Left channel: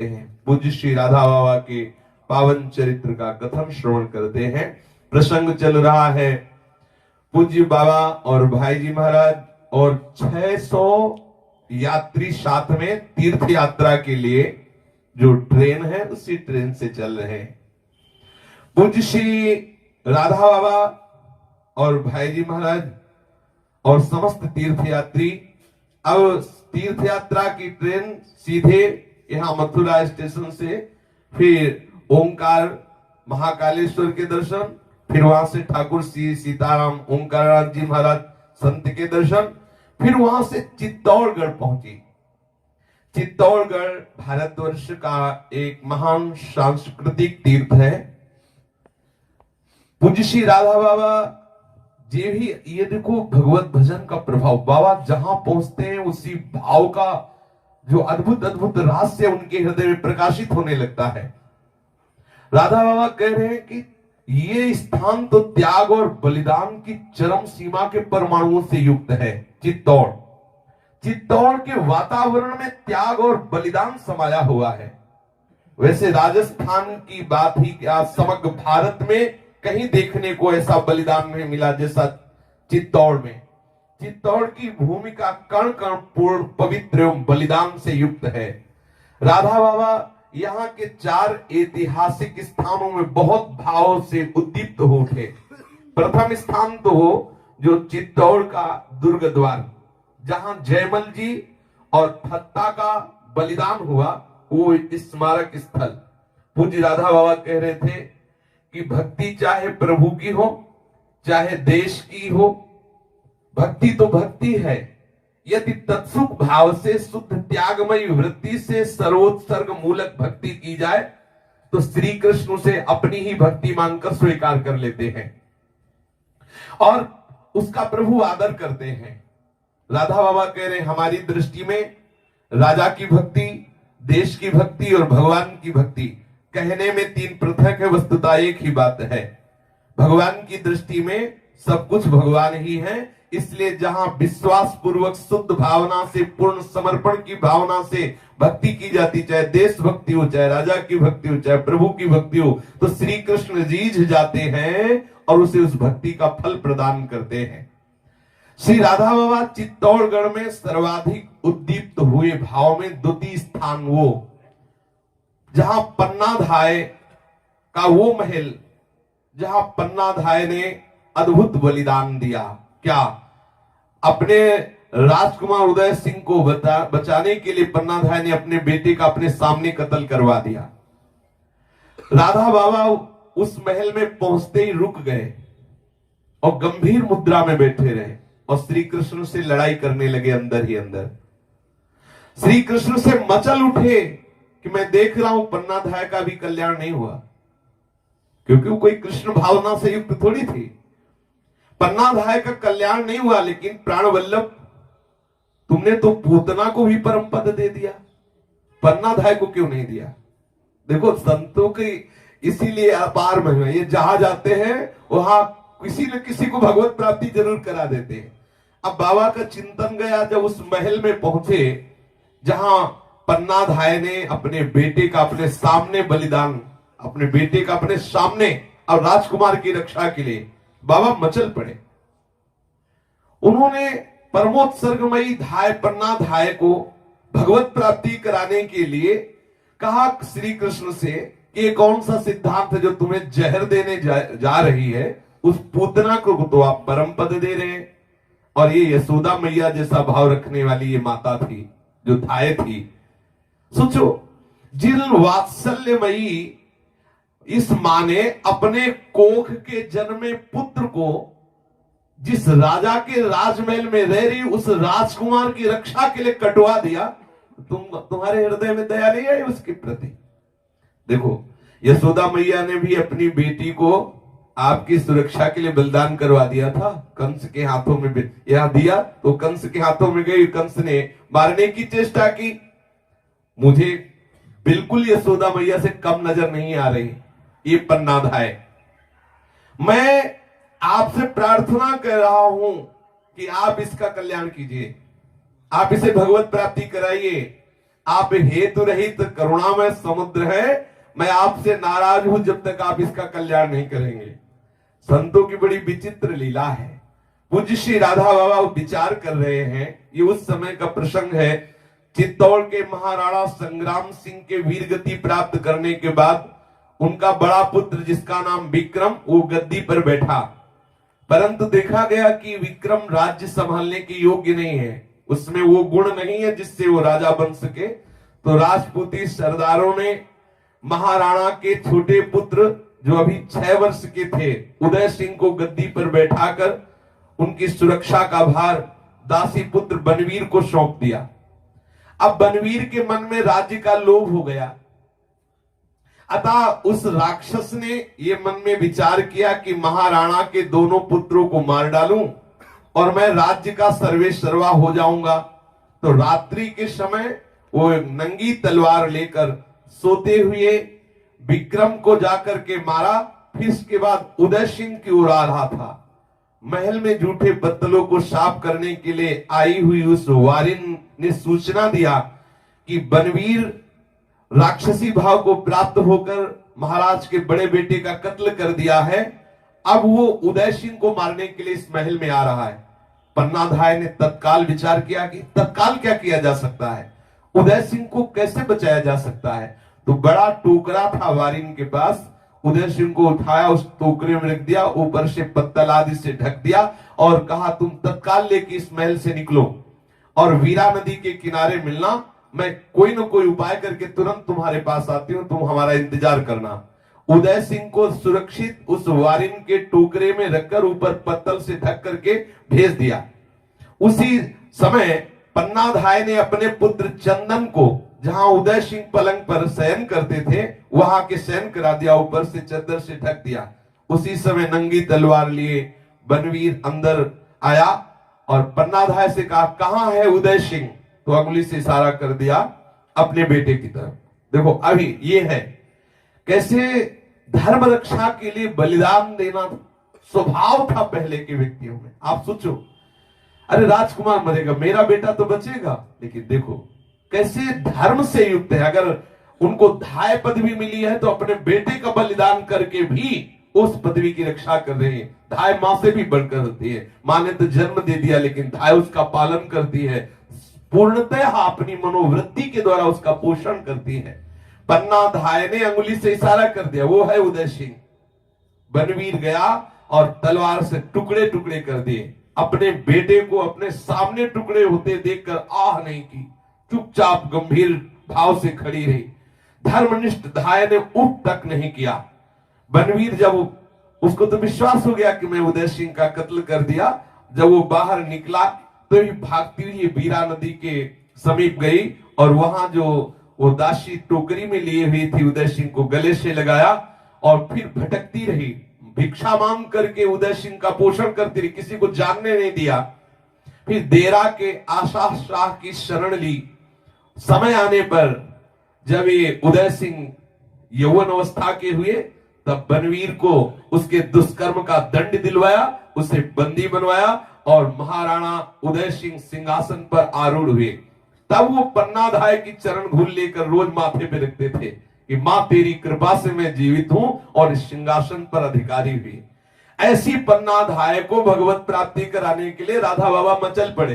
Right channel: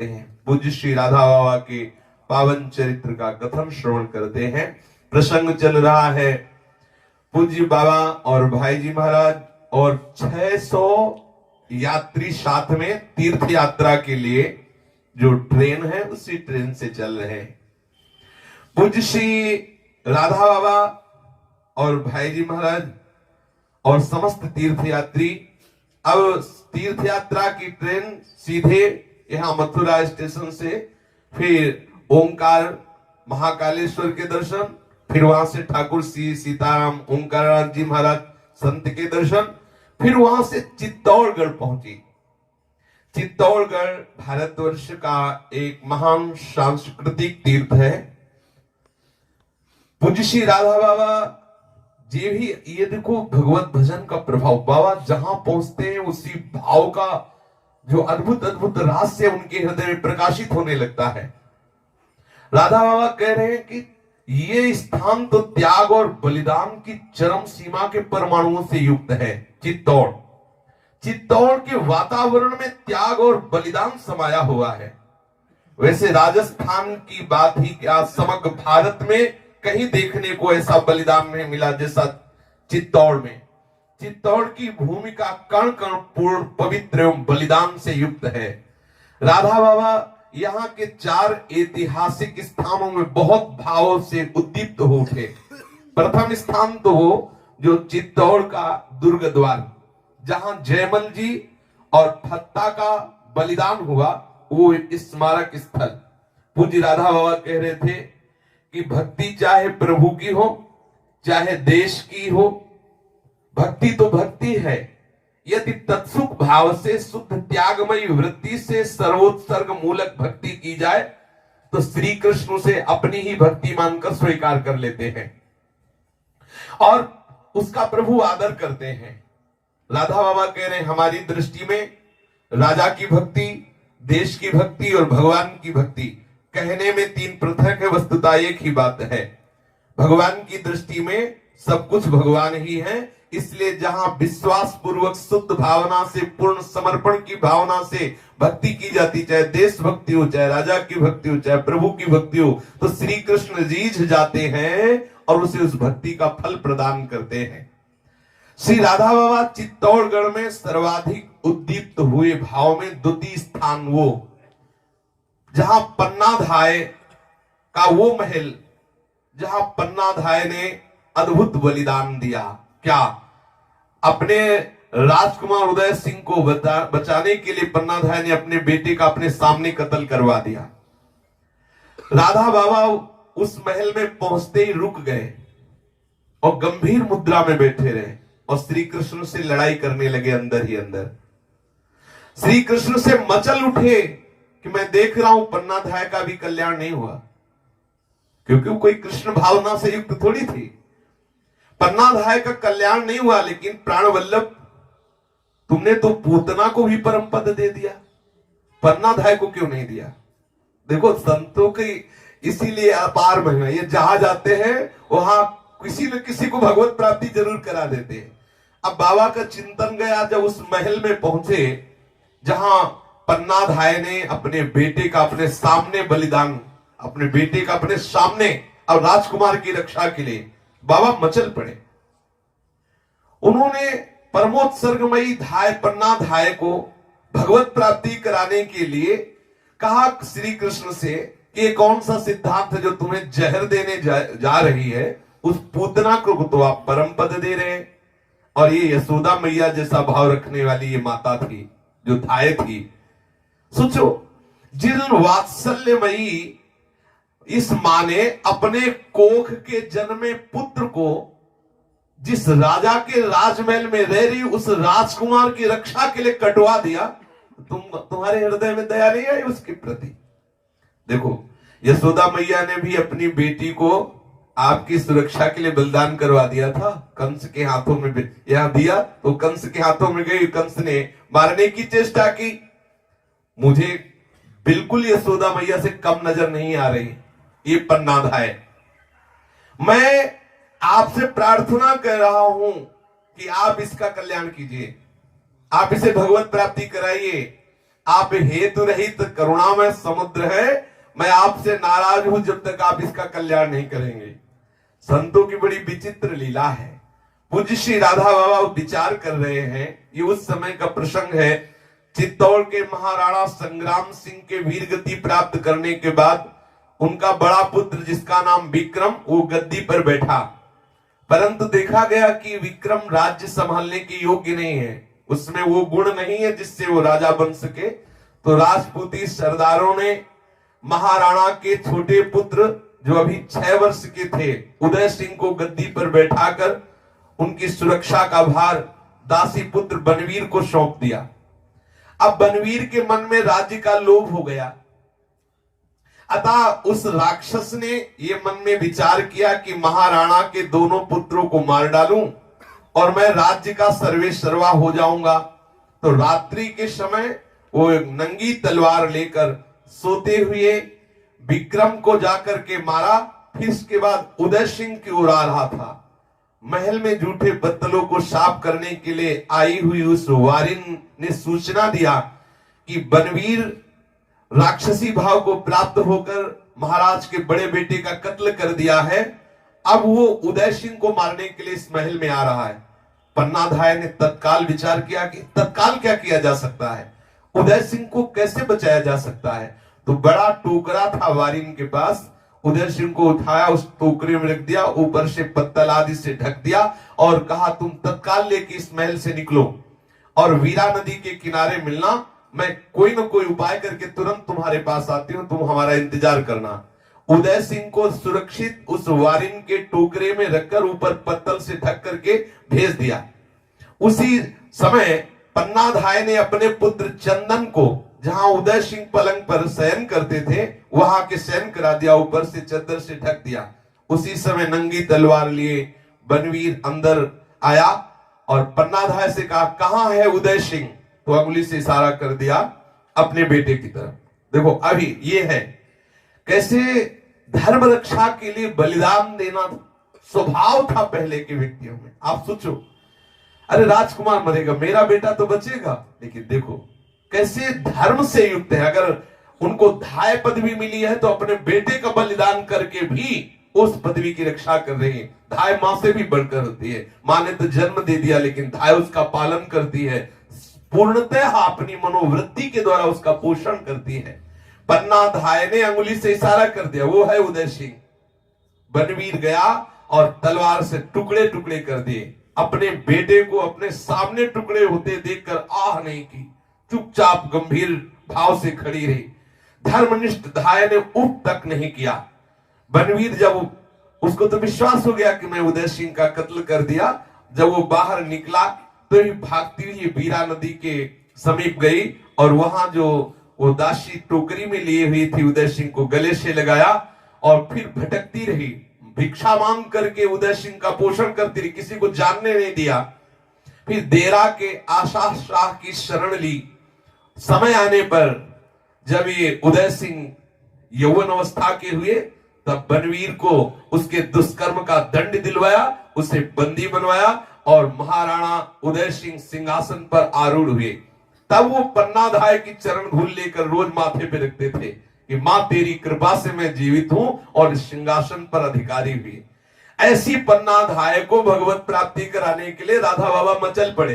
हैं। पूज्य श्री राधा बाबा के पावन चरित्र का कथन श्रवण करते हैं। प्रसंग चल रहा है पूज्य बाबा और भाई जी महाराज और 600 यात्री साथ में तीर्थ यात्रा के लिए जो ट्रेन है उसी ट्रेन से चल रहे हैं। पूज्य श्री राधा बाबा और भाई जी महाराज और समस्त तीर्थ यात्री अब तीर्थ यात्रा की ट्रेन सीधे यहाँ मथुरा स्टेशन से फिर ओंकार महाकालेश्वर के दर्शन, फिर वहां से ठाकुर श्री सीताराम ओंकार जी महाराज संत के दर्शन, फिर वहां से चित्तौड़गढ़ पहुंची। चित्तौड़गढ़ भारतवर्ष का एक महान सांस्कृतिक तीर्थ है। पूज्य श्री राधा बाबा जी भी ये देखो भगवत भजन का प्रभाव, बाबा जहां पहुंचते हैं उसी भाव का जो अद्भुत अद्भुत रहस्य उनके हृदय में प्रकाशित होने लगता है। राधा बाबा कह रहे हैं कि ये स्थान तो त्याग और बलिदान की चरम सीमा के परमाणुओं से युक्त है। चित्तौड़ के वातावरण में त्याग और बलिदान समाया हुआ है। वैसे राजस्थान की बात ही क्या, समग्र भारत में कहीं देखने को ऐसा बलिदान नहीं मिला जैसा चित्तौड़ में। चित्तौड़ की भूमिका कण कण पूर्ण पवित्र एवं बलिदान से युक्त है। राधा बाबा यहाँ के 4 ऐतिहासिक स्थानों में बहुत भाव से उद्दीप्त हो उठे। प्रथम स्थान तो वो जो चित्तौड़ का दुर्ग द्वार, जहां जयमल जी और फत्ता का बलिदान हुआ, वो स्मारक स्थल। पूज्य राधा बाबा कह रहे थे कि भक्ति चाहे प्रभु की हो चाहे देश की हो, भक्ति तो भक्ति है। यदि तत्सुख भाव से शुद्ध त्यागमयी वृत्ति से सर्वोत्सर्ग मूलक भक्ति की जाए तो श्री कृष्ण से अपनी ही भक्ति मानकर स्वीकार कर लेते हैं और उसका प्रभु आदर करते हैं। राधा बाबा कह रहे हैं हमारी दृष्टि में राजा की भक्ति, देश की भक्ति और भगवान की भक्ति कहने में 3 पृथक है, वस्तुतः एक ही बात है। भगवान की दृष्टि में सब कुछ भगवान ही है, इसलिए जहां विश्वास पूर्वक शुद्ध भावना से, पूर्ण समर्पण की भावना से भक्ति की जाती, चाहे देश भक्ति हो, चाहे राजा की भक्ति हो, चाहे प्रभु की भक्ति हो, तो श्री कृष्ण रीझ जाते हैं और उसे उस भक्ति का फल प्रदान करते हैं। श्री राधा बाबा चित्तौड़गढ़ में सर्वाधिक उद्दीप्त हुए भाव में द्वितीय स्थान वो, जहां पन्नाधाय का वो महल, जहां पन्नाधाय ने अद्भुत बलिदान दिया। क्या? अपने राजकुमार उदय सिंह को बचाने के लिए पन्नाधाय ने अपने बेटे का अपने सामने कत्ल करवा दिया। राधा बाबा उस महल में पहुंचते ही रुक गए और गंभीर मुद्रा में बैठे रहे और श्री कृष्ण से लड़ाई करने लगे अंदर ही अंदर। श्री कृष्ण से मचल उठे कि मैं देख रहा हूं पन्नाधाय का भी कल्याण नहीं हुआ, क्योंकि वो कोई कृष्ण भावना से युक्त थोड़ी थी। पन्नाधाय का कल्याण नहीं हुआ, लेकिन प्राण वल्लभ तुमने तो पूतना को भी परम पद दे दिया, पन्नाधाय को क्यों नहीं दिया? देखो संतों की इसीलिए अपार महिमा, ये जहां जाते हैं वहां किसी न किसी को भगवत प्राप्ति जरूर करा देते हैं। अब बाबा का चिंतन गया जब उस महल में पहुंचे जहां पन्नाधाय ने अपने बेटे का अपने सामने बलिदान, अपने बेटे का अपने सामने और राजकुमार की रक्षा के लिए बाबा मचल पड़े। उन्होंने परमोत्सर्गमयी धाय पन्नाधाय को भगवत प्राप्ति कराने के लिए कहा श्री कृष्ण से कि ये कौन सा सिद्धांत है जो तुम्हें जहर देने जा रही है, उस पूतना को तो आप परम पद दे रहे हैं। और ये यशोदा मैया जैसा भाव रखने वाली ये माता थी जो धाय थी। सोचो, जिन वात्सल्यमयी इस माँ ने अपने कोख के जन्मे पुत्र को जिस राजा के राजमहल में रह रही उस राजकुमार की रक्षा के लिए कटवा दिया, तुम्हारे हृदय में दया नहीं आई उसके प्रति? देखो, यशोदा मैया ने भी अपनी बेटी को आपकी सुरक्षा के लिए बलिदान करवा दिया था। कंस के हाथों में यह दिया तो कंस के हाथों में गई, कंस ने मारने की चेष्टा की। मुझे बिल्कुल यशोदा मैया से कम नजर नहीं आ रही ये पन्नाधाय। मैं आपसे प्रार्थना कर रहा हूं कि आप इसका कल्याण कीजिए, आप इसे भगवत प्राप्ति कराइए। आप हेतु रहित करुणामय समुद्र है, मैं आपसे नाराज हूं जब तक आप इसका कल्याण नहीं करेंगे। संतों की बड़ी विचित्र लीला है। पूज्य श्री राधा बाबा विचार कर रहे हैं। ये उस समय का प्रसंग है, चित्तौड़ के महाराणा संग्राम सिंह के वीरगति प्राप्त करने के बाद उनका बड़ा पुत्र जिसका नाम विक्रम, वो गद्दी पर बैठा। परंतु देखा गया कि विक्रम राज्य संभालने के योग्य नहीं है, उसमें वो गुण नहीं है जिससे वो राजा बन सके। तो राजपूती सरदारों ने महाराणा के छोटे पुत्र जो अभी 6 वर्ष के थे उदय सिंह को गद्दी पर बैठाकर उनकी सुरक्षा का भार दासी पुत्र बनवीर को सौंप दिया। अब बनवीर के मन में राज्य का लोभ हो गया, अतः उस राक्षस ने ये मन में विचार किया कि महाराणा के दोनों पुत्रों को मार डालूं और मैं राज्य का सर्वेसर्वा हो जाऊंगा। तो रात्रि के समय वो नंगी तलवार लेकर सोते हुए विक्रम को जाकर के मारा। फिर इसके बाद उदय सिंह की ओर आ रहा था। महल में झूठे बत्तलों को साफ करने के लिए आई हुई उस वारिन ने सूचना दिया कि बनवीर राक्षसी भाव को प्राप्त होकर महाराज के बड़े बेटे का कत्ल कर दिया है, अब वो उदय सिंह को मारने के लिए इस महल में आ रहा है। पन्नाधाय ने तत्काल विचार किया कि तत्काल क्या किया जा सकता है, उदय सिंह को कैसे बचाया जा सकता है। तो बड़ा टोकरा था वारिन के पास, उदय सिंह को उठाया, उस टोकरे में रख दिया, ऊपर से पत्तल आदि से ढक दिया और कहा तुम तत्काल लेके इस महल से निकलो और वीरा नदी के किनारे मिलना, मैं कोई ना कोई उपाय करके तुरंत तुम्हारे पास आती हूं, तुम हमारा इंतजार करना। उदय सिंह को सुरक्षित उस वारिन के टोकरे में रखकर ऊपर पत्तल से ढक करके भेज दिया। उसी समय पन्नाधाय ने अपने पुत्र चंदन को, जहां उदय सिंह पलंग पर शयन करते थे, वहां के शयन करा दिया, ऊपर से चादर से ढक दिया। उसी समय नंगी तलवार लिए बनवीर अंदर आया और पन्नाधाय से कहा कहां है उदय सिंह, तो अंगुली से इशारा कर दिया अपने बेटे की तरफ। देखो अभी ये है कैसे धर्म रक्षा के लिए बलिदान देना स्वभाव था पहले के व्यक्तियों में। आप सोचो, अरे राजकुमार मरेगा, मेरा बेटा तो बचेगा, लेकिन देखो कैसे धर्म से युक्त है। अगर उनको धाय पदवी मिली है तो अपने बेटे का बलिदान करके भी उस पदवी की रक्षा कर रहे हैं। धाय मां से भी बढ़कर होती है। मां ने तो जन्म दे दिया, लेकिन धाय उसका पालन करती है, पूर्णतः अपनी मनोवृत्ति के द्वारा उसका पोषण करती है। पन्नाधाय ने अंगुली से इशारा कर दिया, वो है उदय सिंह। बनवीर गया और तलवार से टुकड़े टुकड़े कर दिए। अपने बेटे को अपने सामने टुकड़े होते देखकर आह नहीं की, चुपचाप गंभीर भाव से खड़ी रही। धर्मनिष्ठ धाय ने उठ तक नहीं किया। बनवीर जब उसको तो विश्वास हो गया कि मैं उदय सिंह का कत्ल कर दिया, जब वो बाहर निकला तो ही भागती हुई वीरा नदी के समीप गई और वहां जो वो दासी टोकरी में लिए हुई थी उदय सिंह को गले से लगाया और फिर भटकती रही, भिक्षा मांग करके उदय सिंह का पोषण करती रही, किसी को जानने नहीं दिया। फिर देरा के आशा शाह की शरण ली। समय आने पर जब ये उदय सिंह यौवन अवस्था के हुए तब बनवीर को उसके दुष्कर्म का दंड दिलवाया, उसे बंदी बनवाया और महाराणा उदय सिंह सिंहासन पर आरूढ़ हुए। तब वो पन्नाधाय की चरण धूल लेकर रोज माथे पे रखते थे कि मां तेरी कृपा से मैं जीवित हूं और इस सिंहासन पर अधिकारी हुई। ऐसी पन्नाधाय को भगवत प्राप्ति कराने के लिए राधा बाबा मचल पड़े।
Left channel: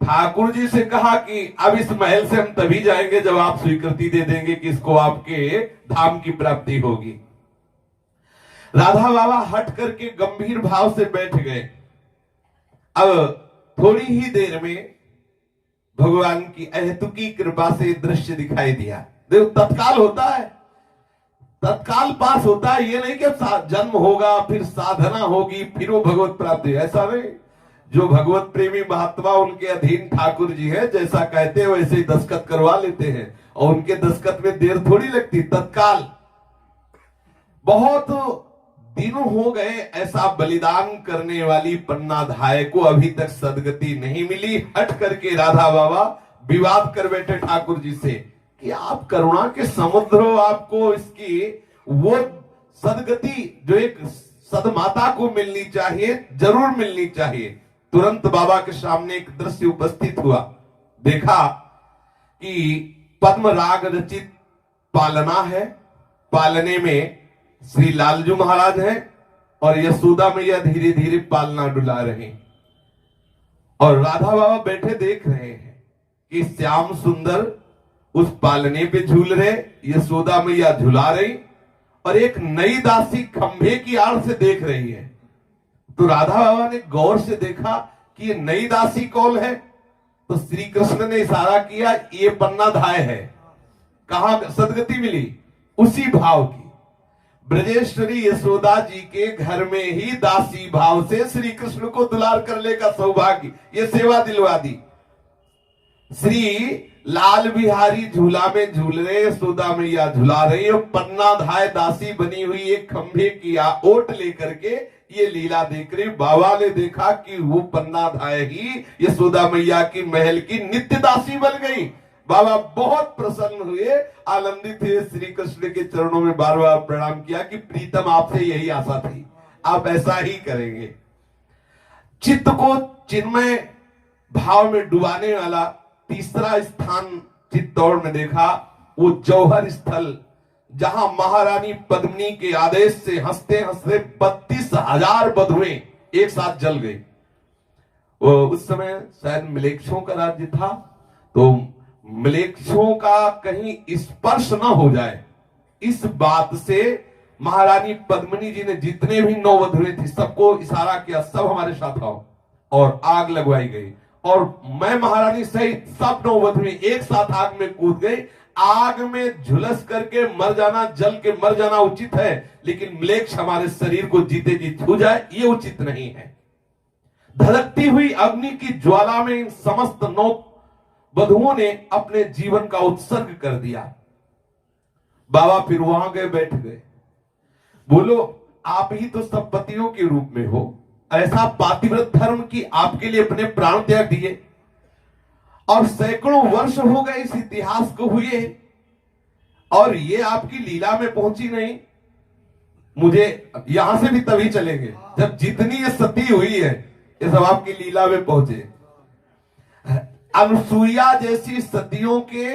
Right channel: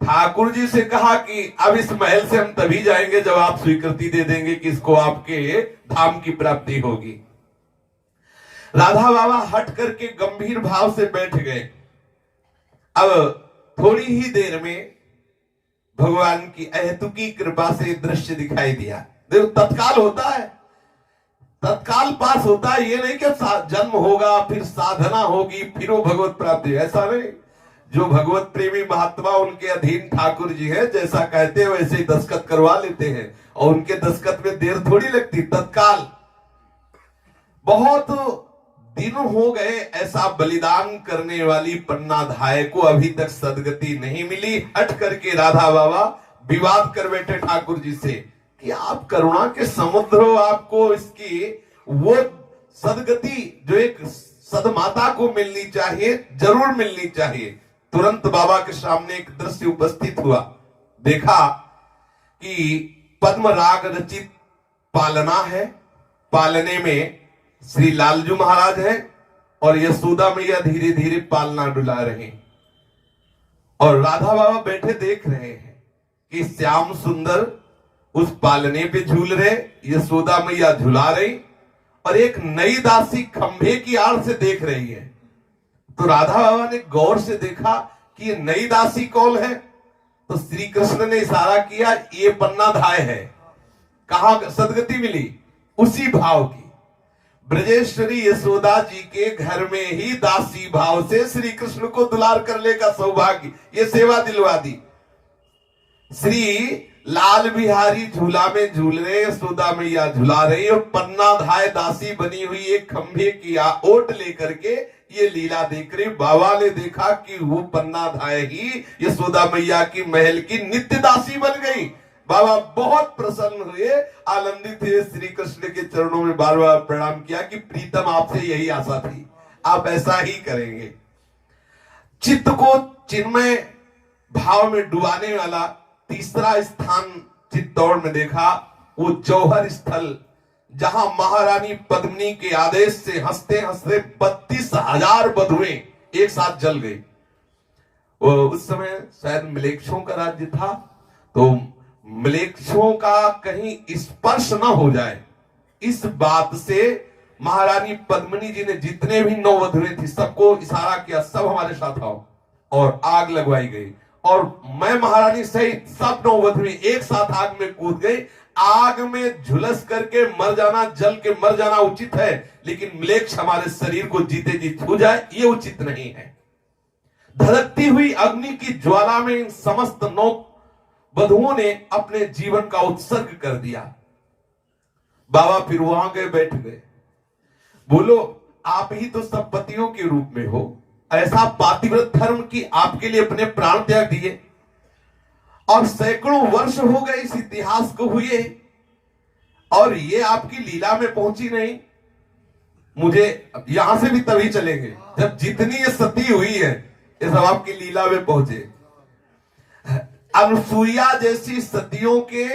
ठाकुर जी से कहा कि अब इस महल से हम तभी जाएंगे जब आप स्वीकृति दे देंगे कि इसको आपके धाम की प्राप्ति होगी। राधा बाबा हट करके गंभीर भाव से बैठ गए। अब थोड़ी ही देर में भगवान की अहेतुकी कृपा से दृश्य दिखाई दिया। देखो तत्काल होता है, तत्काल पास होता है। ये नहीं कि जन्म होगा फिर साधना होगी फिर वो भगवत प्राप्ति, ऐसा नहीं। जो भगवत प्रेमी महात्मा उनके अधीन ठाकुर जी है, जैसा कहते हैं वैसे ही दस्तखत करवा लेते हैं और उनके दस्तखत में देर थोड़ी लगती, तत्काल। बहुत दिन हो गए ऐसा बलिदान करने वाली पन्नाधाय को अभी तक सदगति नहीं मिली। हट करके राधा बाबा विवाद कर बैठे ठाकुर जी से कि आप करुणा के समुद्र हो, आपको इसकी वो सदगति जो एक सदमाता को मिलनी चाहिए, जरूर मिलनी चाहिए। तुरंत बाबा के सामने एक दृश्य उपस्थित हुआ। देखा कि पद्म राग रचित पालना है। पालने में श्री लालजू महाराज हैं और यशोदा मैया धीरे धीरे पालना डुला रहे हैं और राधा बाबा बैठे देख रहे हैं कि श्याम सुंदर उस पालने पे झूल रहे, यशोदा मैया झुला रही और एक नई दासी खंभे की आड़ से देख रही है। तो राधा बाबा ने गौर से देखा कि ये नई दासी कौन है, तो श्री कृष्ण ने इशारा किया, ये पन्ना धाय है। कहां सदगति मिली? उसी भाव की। ब्रजेश्वरी यशोदा जी के घर में ही दासी भाव से श्री कृष्ण को दुलार करने का सौभाग्य, ये सेवा दिलवा दी। श्री लाल बिहारी झूला में झूल रहे, यशोदा मैया झुला रही और पन्ना धाय दासी बनी हुई एक खंभे की ओट लेकर के ये लीला देख रही। बाबा ने देखा कि वो पन्ना धाय ही यशोदा मैया की महल की नित्य दासी बन गई। बाबा बहुत प्रसन्न हुए, आनंदित हुए, श्री कृष्ण के चरणों में बार बार प्रणाम किया कि प्रीतम आपसे यही आशा थी, आप ऐसा ही करेंगे। चित्त को चिन्मय भाव में डुबाने वाला तीसरा स्थान चित्तौड़ में देखा, वो जौहर स्थल, जहां महारानी पद्मिनी के आदेश से हंसते हंसते 32,000 बधुएं एक साथ जल गई। उस समय शायद मिलेच्छों का राज्य था, तो मिलेच्छों का कहीं स्पर्श न हो जाए, इस बात से महारानी पद्मिनी जी ने जितने भी 9 वधुएं थी सबको इशारा किया, सब हमारे साथ आओ, और आग लगवाई गई। और मैं महारानी सहित सब 9 वधुएं एक साथ आग में कूद गई। आग में झुलस करके मर जाना, जल के मर जाना उचित है, लेकिन म्लेच्छ हमारे शरीर को जीते जी छू जाए ये उचित नहीं है। धड़कती हुई अग्नि की ज्वाला में इन समस्त 9 वधुओं ने अपने जीवन का उत्सर्ग कर दिया। बाबा फिर वहां गए, बैठ गए, बोलो आप ही तो सब पतियों के रूप में हो, ऐसा पातिव्रत धर्म की आपके लिए अपने प्राण त्याग दिए और सैकड़ों वर्ष हो गए इस इतिहास को हुए और ये आपकी लीला में पहुंची नहीं। मुझे यहां से भी तभी चलेंगे जब जितनी ये सती हुई है ये सब आपकी लीला में पहुंचे। अनुसुईया जैसी सतियों के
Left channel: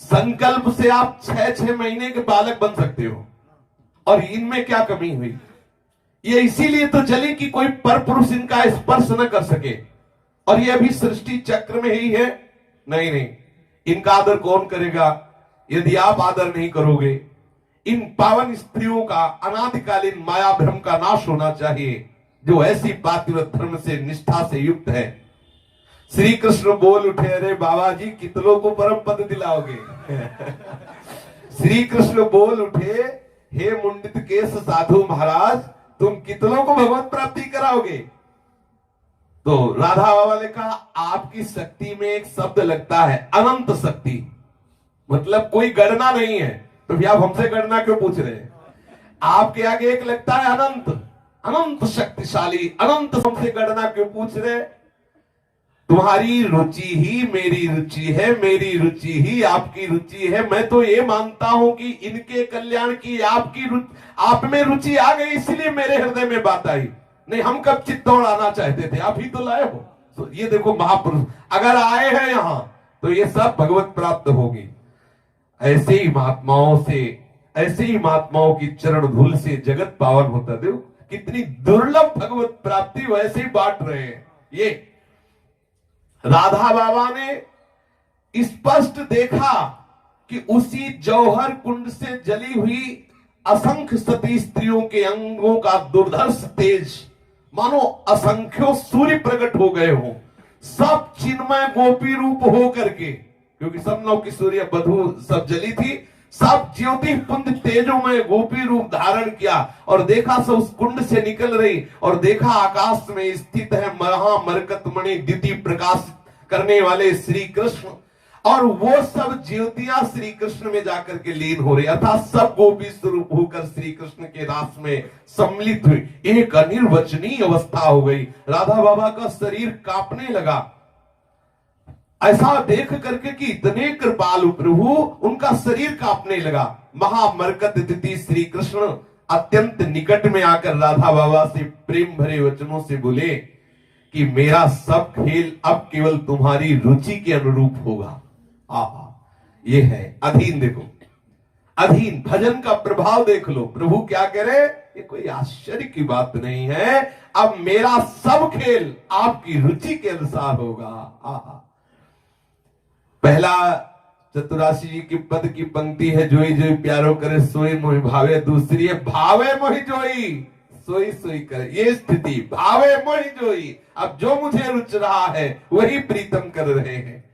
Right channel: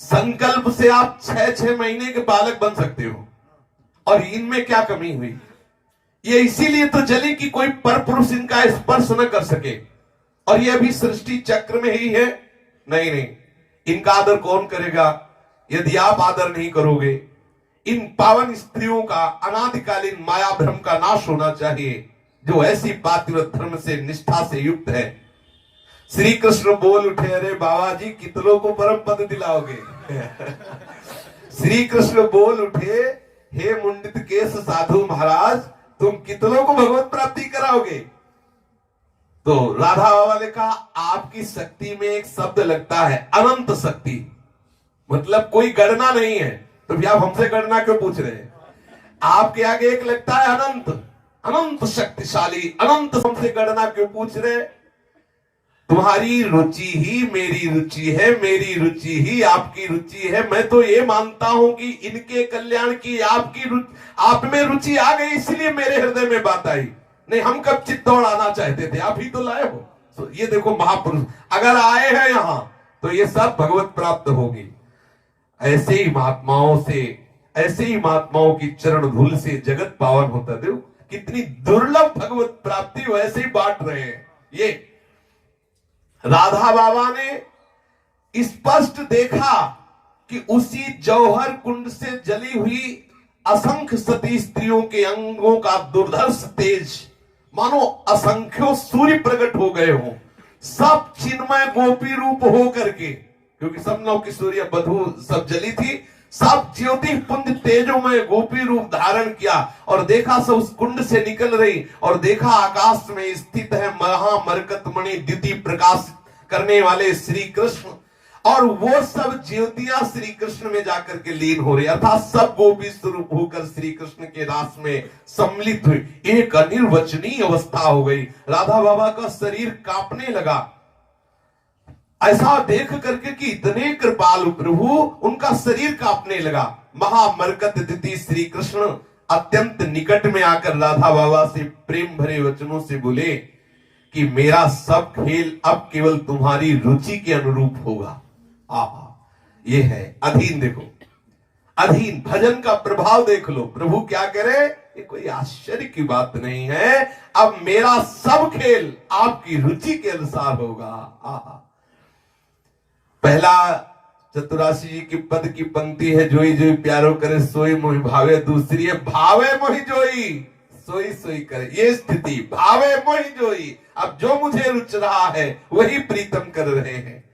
संकल्प से आप 6-6 महीने के बालक बन सकते हो और इनमें क्या कमी हुई? ये इसीलिए तो जली कि कोई पर पुरुष इनका स्पर्श न कर सके और ये अभी सृष्टि चक्र में ही है। नहीं नहीं, इनका आदर कौन करेगा यदि आप आदर नहीं करोगे? इन पावन स्त्रियों का अनादिकालीन माया भ्रम का नाश होना चाहिए जो ऐसी पातिव्रत धर्म से निष्ठा से युक्त है। श्री कृष्ण बोल उठे, अरे बाबा जी कितनों को परम पद दिलाओगे? श्री कृष्ण बोल उठे, हे मुंडित केश साधु महाराज, तुम कितनों को भगवत प्राप्ति कराओगे? तो राधा बाबा ने कहा, आपकी शक्ति में एक शब्द लगता है अनंत शक्ति, मतलब कोई गणना नहीं है। तो भैया आप हमसे गणना क्यों पूछ रहे हैं? आपके आगे एक लगता है अनंत, अनंत शक्तिशाली, अनंत। हमसे गणना क्यों पूछ रहे? तुम्हारी रुचि ही मेरी रुचि है, मेरी रुचि ही आपकी रुचि है। मैं तो ये मानता हूं कि इनके कल्याण की आपकी आप में रुचि आ गई, इसलिए मेरे हृदय में बात आई। नहीं, हम कब चित्तौड़ आना चाहते थे, आप ही तो लाए हो। तो ये देखो महापुरुष अगर आए हैं यहां तो ये सब भगवत प्राप्त होगी। ऐसे ही महात्माओं से, ऐसे ही महात्माओं की चरण धूल से जगत पावन होता। देखो कितनी दुर्लभ भगवत प्राप्ति वैसे ही बांट रहे हैं। ये राधा बाबा ने स्पष्ट देखा कि उसी जौहर कुंड से जली हुई असंख्य सती स्त्रियों के अंगों का दुर्धर्ष तेज मानो असंख्यों सूर्य प्रकट हो गए हों, सब चिन्मय गोपी रूप हो करके, क्योंकि सब नौ की सूर्य बधू सब जली थी, सब ज्योति पुंज तेजों में गोपी रूप धारण किया और देखा सब उस कुंड से निकल रही और देखा आकाश में स्थित है महामरकतमणि द्युति प्रकाश करने वाले श्री कृष्ण और वो सब ज्योतियां श्री कृष्ण में जाकर के लीन हो रही, अर्थात सब गोपी स्वरूप होकर श्री कृष्ण के रास में सम्मिलित हुई। एक अनिर्वचनीय अवस्था हो गई। राधा बाबा का शरीर कांपने लगा, ऐसा देख करके कि इतने कृपालु प्रभु, उनका शरीर कांपने लगा। महामरकत दिति श्री कृष्ण अत्यंत निकट में आकर राधा बाबा से प्रेम भरे वचनों से बोले कि मेरा सब खेल अब केवल तुम्हारी रुचि के अनुरूप होगा। आहा, ये है अधीन। देखो अधीन, भजन का प्रभाव देख लो। प्रभु क्या करे, ये कोई आश्चर्य की बात नहीं है। अब मेरा सब खेल आपकी रुचि के अनुसार होगा। आहा, पहला चतुराशी जी की पद की पंक्ति है, जोई जोई प्यारो करे सोई मोहि भावे। दूसरी है भावे मोहि जोई सोई सोई करे। ये स्थिति भावे मोहि जोई, अब जो मुझे रुच रहा है वही प्रीतम कर रहे हैं।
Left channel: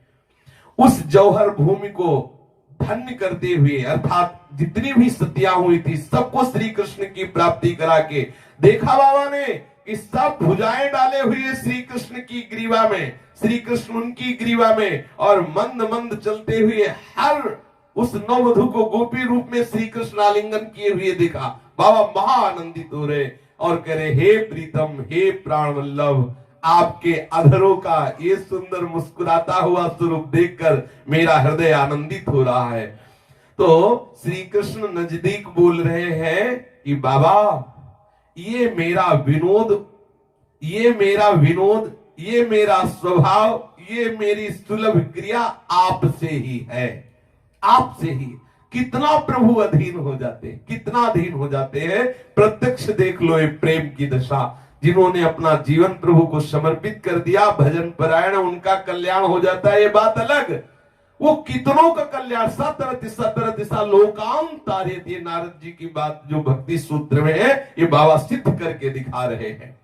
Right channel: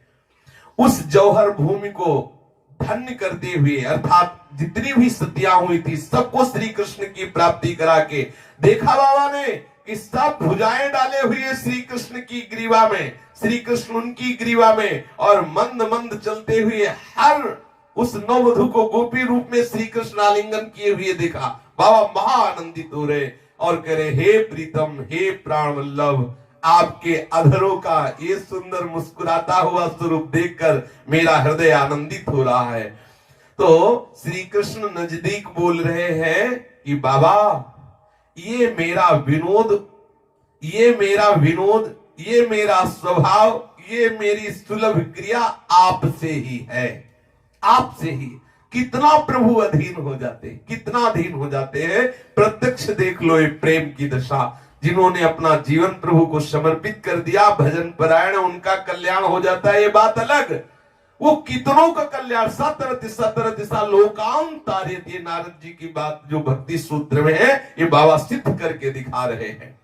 उस जौहर भूमि को धन्य करते हुए, अर्थात जितनी भी सतियां हुई थी सबको श्री कृष्ण की प्राप्ति करा के देखा बाबा ने कि सब भुजाएं डाले हुए श्री कृष्ण की ग्रीवा में, श्री कृष्ण उनकी ग्रीवा में, और मंद मंद चलते हुए हर उस नववधु को गोपी रूप में श्री कृष्ण आलिंगन किए हुए देखा। बाबा महा आनंदित हो रहे और करे, हे प्रीतम, हे प्राण वल्लभ, आपके अधरों का ये सुंदर मुस्कुराता हुआ स्वरूप देखकर मेरा हृदय आनंदित हो रहा है। तो श्री कृष्ण नजदीक बोल रहे हैं कि बाबा ये मेरा विनोद, ये मेरा विनोद, ये मेरा स्वभाव, ये मेरी सुलभ क्रिया आपसे ही है, आपसे ही। कितना प्रभु अधीन हो जाते, कितना अधीन हो जाते हैं। प्रत्यक्ष देख लो ये प्रेम की दशा। जिन्होंने अपना जीवन प्रभु को समर्पित कर दिया, भजन परायण, उनका कल्याण हो जाता है, ये बात अलग। वो कितनों का कल्याण, सतर दिशा लोकांत तारे, ये नारद जी की बात जो भक्ति सूत्र में है, ये बाबा सिद्ध करके दिखा रहे हैं।